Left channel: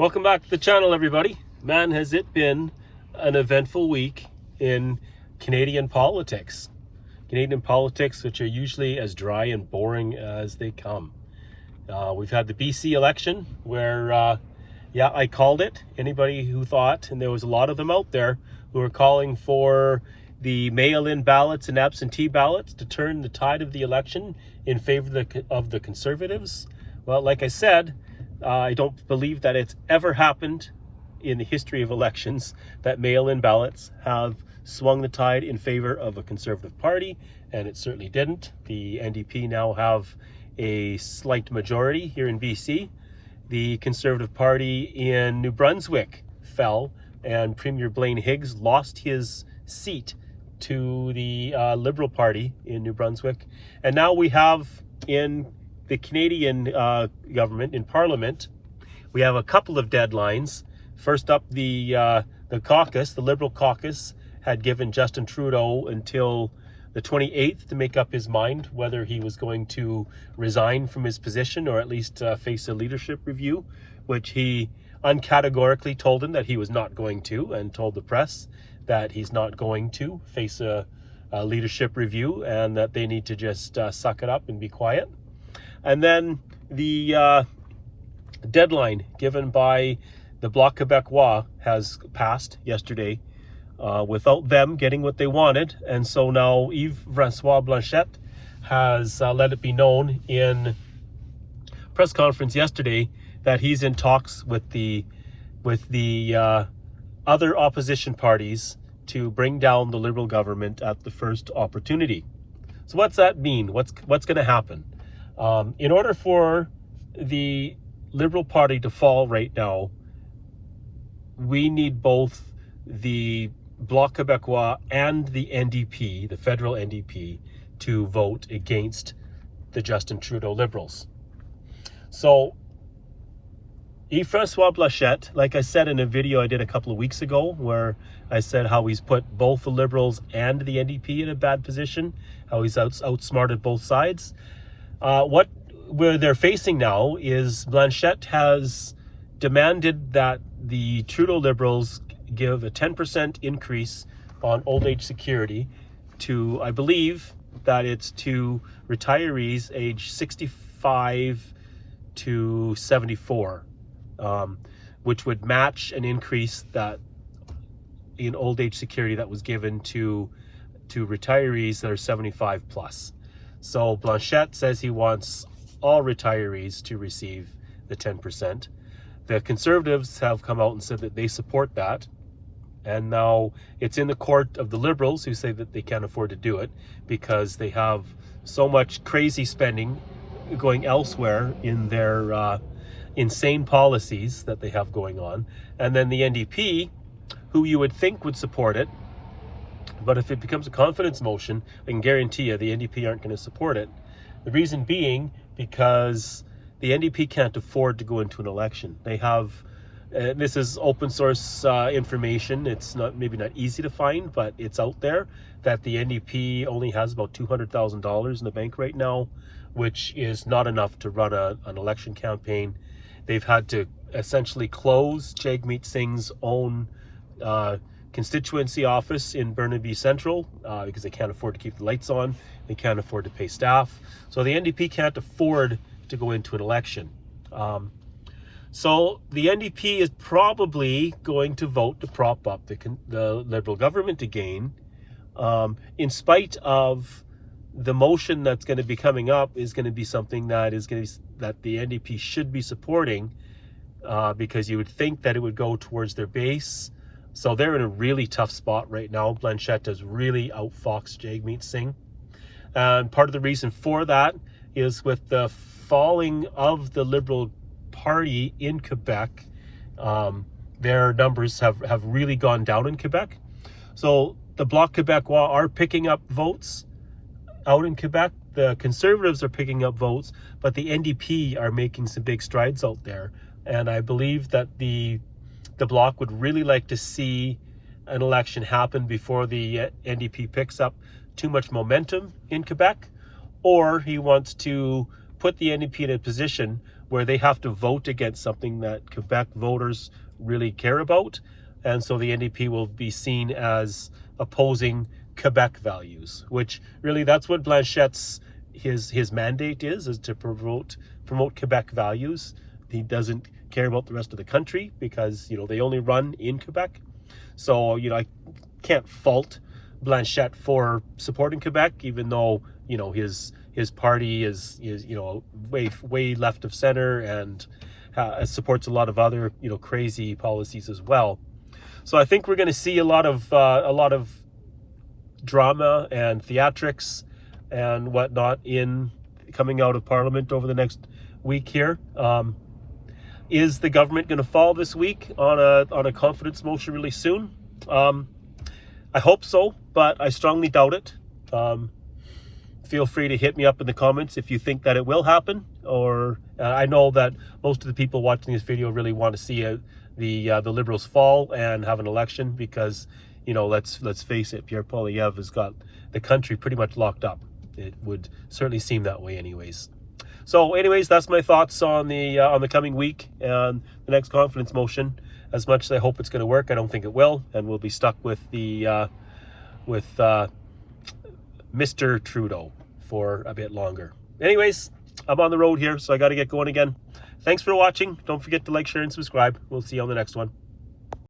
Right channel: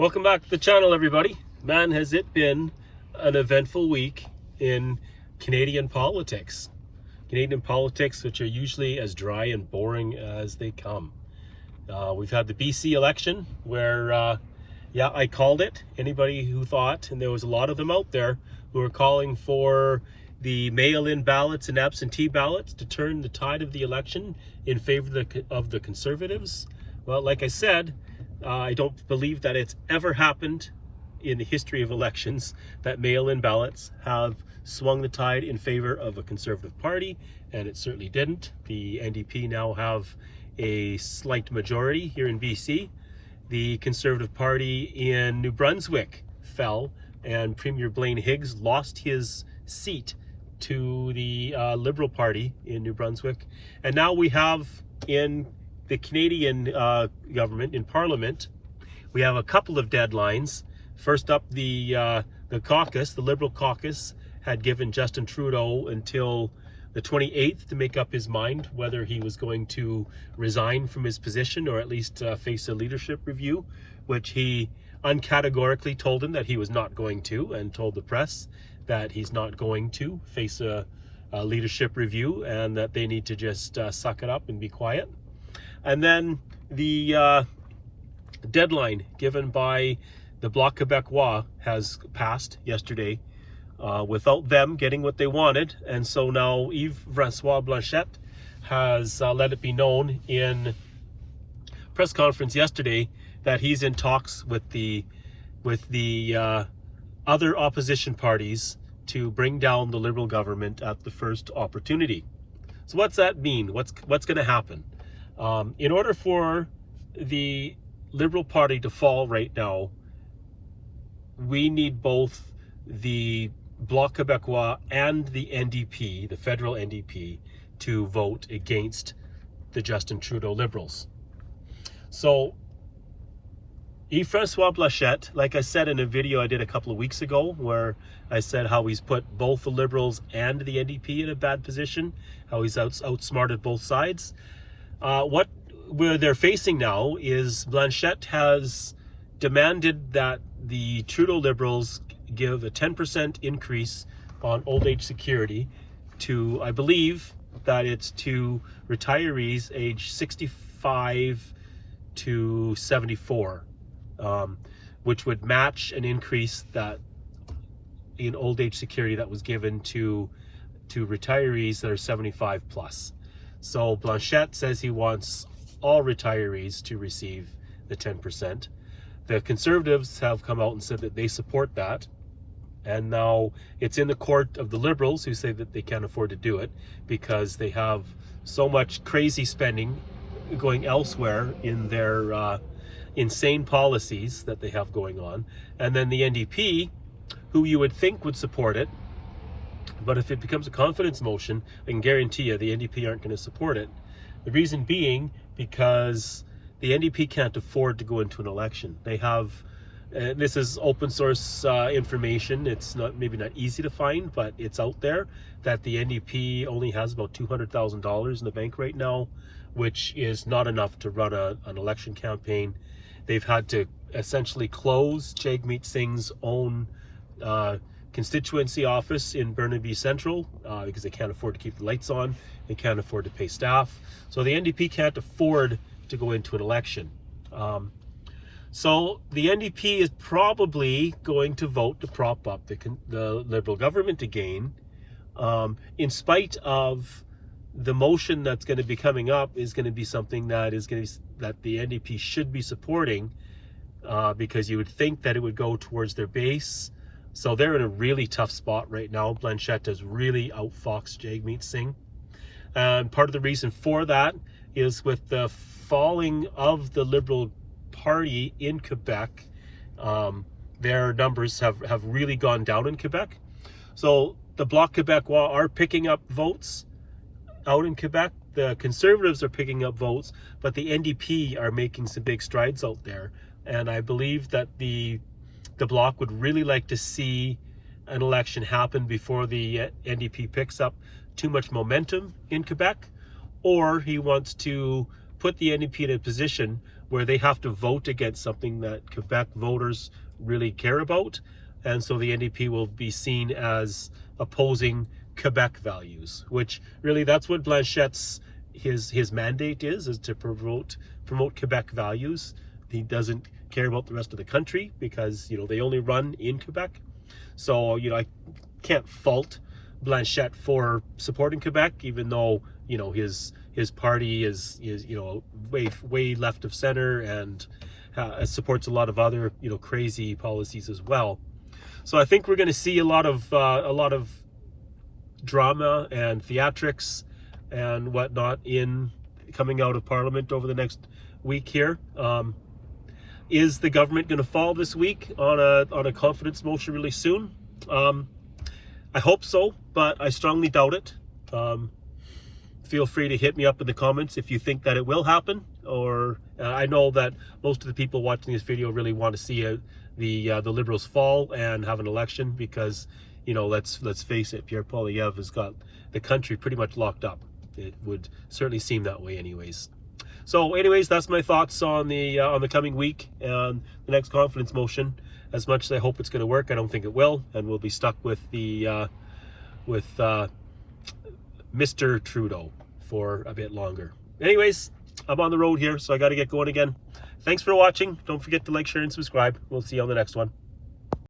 Welcome back to the channel, everybody. Man, has it been an eventful week in Canadian politics. Canadian politics, which are usually as dry and boring as they come. We've had the BC election where, I called it. Anybody who thought, and there was a lot of them out there, who were calling for the mail-in ballots and absentee ballots to turn the tide of the election in favor of the Conservatives. Well, like I said, I don't believe that it's ever happened in the history of elections that mail-in ballots have swung the tide in favor of a Conservative party, and it certainly didn't. The NDP now have a slight majority here in BC. The Conservative Party in New Brunswick fell, and Premier Blaine Higgs lost his seat to the Liberal Party in New Brunswick. And now we have in the Canadian government, in Parliament, we have a couple of deadlines. First up, the caucus, the Liberal caucus, had given Justin Trudeau until the 28th to make up his mind whether he was going to resign from his position or at least face a leadership review, which he uncategorically told him that he was not going to, and told the press that he's not going to face a leadership review and that they need to just suck it up and be quiet. And then the deadline given by the Bloc Québécois has passed yesterday without them getting what they wanted. And so now Yves-François Blanchet has let it be known in press conference yesterday that he's in talks with the other opposition parties to bring down the Liberal government at the first opportunity. So what's that mean? What's going to happen? In order for the Liberal Party to fall right now, we need both the Bloc Québécois and the NDP, the federal NDP, to vote against the Justin Trudeau Liberals. So Yves-François Blanchet, like I said in a video I did a couple of weeks ago, where I said how he's put both the Liberals and the NDP in a bad position, how he's outsmarted both sides. Where they're facing now is Blanchet has demanded that the Trudeau Liberals give a 10% increase on old age security to, I believe that it's to retirees age 65 to 74, which would match an increase that in old age security that was given to retirees that are 75 plus. So Blanchet says he wants all retirees to receive the 10%. The Conservatives have come out and said that they support that. And now it's in the court of the Liberals, who say that they can't afford to do it because they have so much crazy spending going elsewhere in their insane policies that they have going on. And then the NDP, who you would think would support it, but if it becomes a confidence motion, I can guarantee you the NDP aren't going to support it. The reason being because the NDP can't afford to go into an election. They have, this is open source information. It's maybe not easy to find, but it's out there that the NDP only has about $200,000 in the bank right now, which is not enough to run an election campaign. They've had to essentially close Jagmeet Singh's own constituency office in Burnaby Central because they can't afford to keep the lights on. They can't afford to pay staff. So the NDP can't afford to go into an election. So the NDP is probably going to vote to prop up the Liberal government again, in spite of the motion that's going to be coming up is going to be something that the NDP should be supporting, because you would think that it would go towards their base. So they're in a really tough spot right now. Blanchet has really outfoxed Jagmeet Singh. And part of the reason for that is with the falling of the Liberal Party in Quebec, their numbers have really gone down in Quebec. So the Bloc Québécois are picking up votes out in Quebec. The Conservatives are picking up votes, but the NDP are making some big strides out there. And I believe that the Bloc would really like to see an election happen before the NDP picks up too much momentum in Quebec, or he wants to put the NDP in a position where they have to vote against something that Quebec voters really care about. And so the NDP will be seen as opposing Quebec values, which really that's what Blanchette's his mandate is to promote Quebec values. He doesn't care about the rest of the country because, you know, they only run in Quebec. So, you know, I can't fault Blanchette for supporting Quebec, even though, you know, his party is you know, way left of center and supports a lot of other, you know, crazy policies as well. So I think we're going to see a lot of drama and theatrics and whatnot in coming out of Parliament over the next week here. Is the government going to fall this week on a confidence motion really soon? I hope so, but I strongly doubt it. Feel free to hit me up in the comments if you think that it will happen, or I know that most of the people watching this video really want to see the Liberals fall and have an election because, you know, let's face it, Pierre Poilievre has got the country pretty much locked up. It would certainly seem that way anyways. So anyways, that's my thoughts on the coming week and the next confidence motion. As much as I hope it's going to work, I don't think it will, and we'll be stuck with Mr. Trudeau for a bit longer. Anyways, I'm on the road here, so I got to get going again. Thanks for watching. Don't forget to like, share, and subscribe. We'll see you on the next one.